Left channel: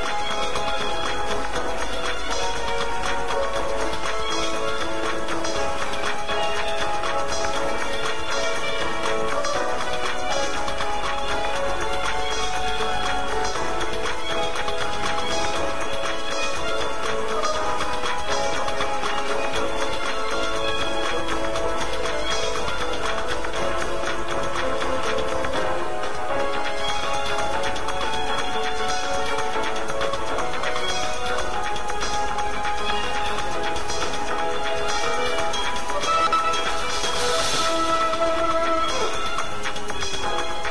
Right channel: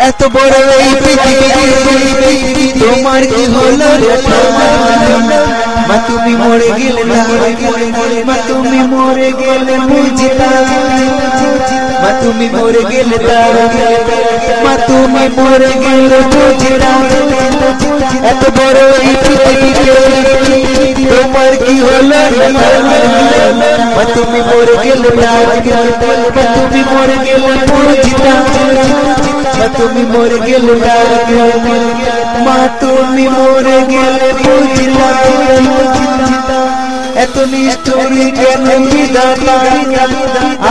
এত বড় এই পৃথিবী তোমার কি হলো রে মা তুমি মরে গেলে না মা তুমি মরে গেলে বুঝিতা মা তুমি মরে গেলে মা তুমি মরে গেলে বুঝিতা এত বড় এই পৃথিবীতে তোমার কি হলো রে মা তুমি মরে গেলে মা তুমি মরে গেলে বুঝিতা তুমি মরে গেলে মা তুমি মরে গেলে বুঝলা এত নিষ্ঠুর কেন বিধাতা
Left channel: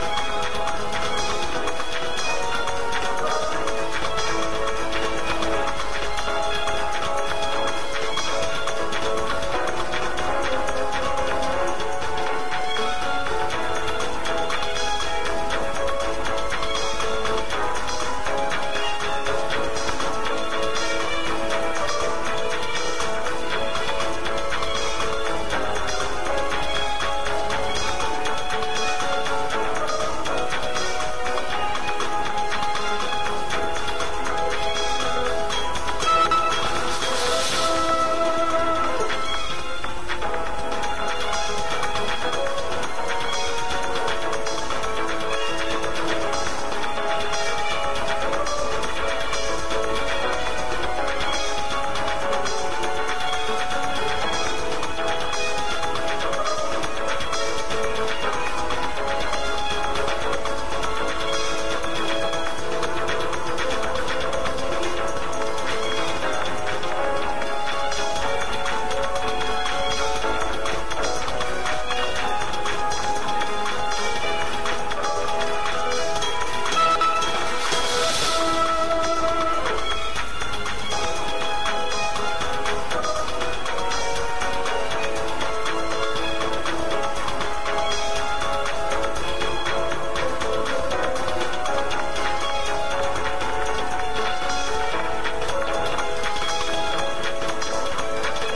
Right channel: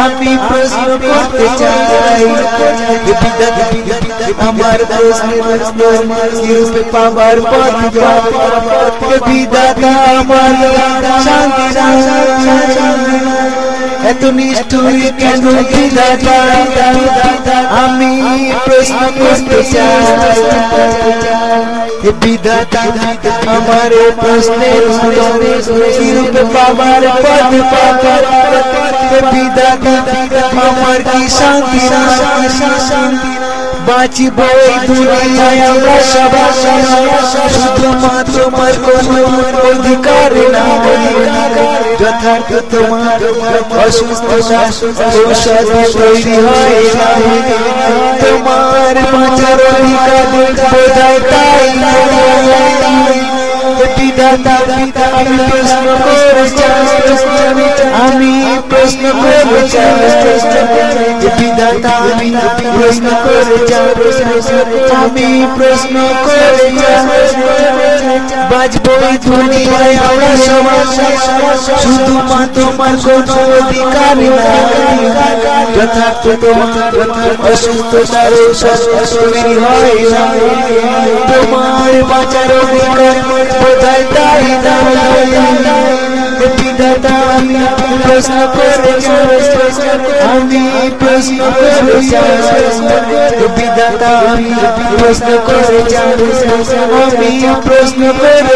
আমি প্রশ্ন করতে চাই আমার প্রশ্নের উত্তর পাবার পথ বিধাতা আমার শান্তি এত নিষ্ঠুর কেন বিধাতা আমি প্রশ্ন করতে চাই বিধাতা আমার প্রশ্নের উত্তর পাবার পথ বিধাতা আমার কি শান্তি বাঁচিব এই দুনিয়ায় আমরা সবাই শুধু মা তোমার কোনো অধিকার না যথার্থ তোমার অসুস্থ ঔষধ তৈরি হয় তোমার বাঁচার অধিকার বোঝায় তাই বিধাতা আমি প্রশ্ন করে আমি প্রশ্ন করে বিধাতা আমি প্রশ্ন করে আমি প্রশ্ন করে বাঁচবো এই দুনিয়ায় আমরা সবাই শুধু মা তোমার কোনো অধিকার যথার্থ তোমার অসুস্থতার তৈরি হয় তোমার বাঁচার অধিকার বোঝায় তাই বিধাতা আমি প্রশ্ন করে আমি প্রশ্ন করে বিধাতা আমি প্রশ্ন করে আমি প্রশ্ন করে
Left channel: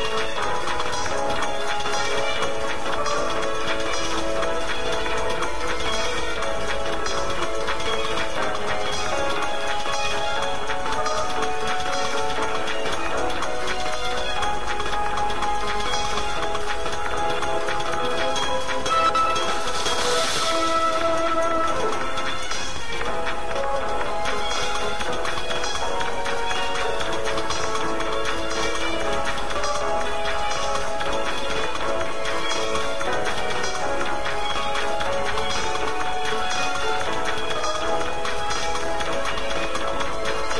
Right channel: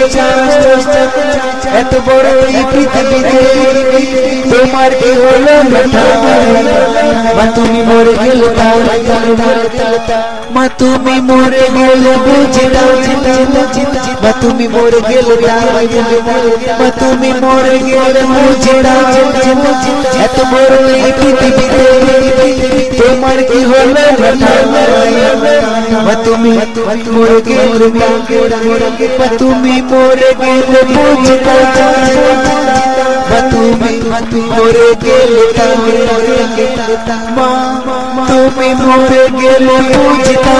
এত বড় এই পৃথিবীতে তোমার কি হলো মা তুমি মরে গেলে মা তুমি মরে গেলে বুঝিতা মা তুমি মরে গেলে মা তুমি মরে গেলে বুঝিতা এত বড় এই পৃথিবীতে তোমার কি হলো মা তুমি মরে গেলে মা তুমি মরে গেলে বুঝিতা মা তুমি মরে গেলে মা তুমি মরে গেলে বুঝিতা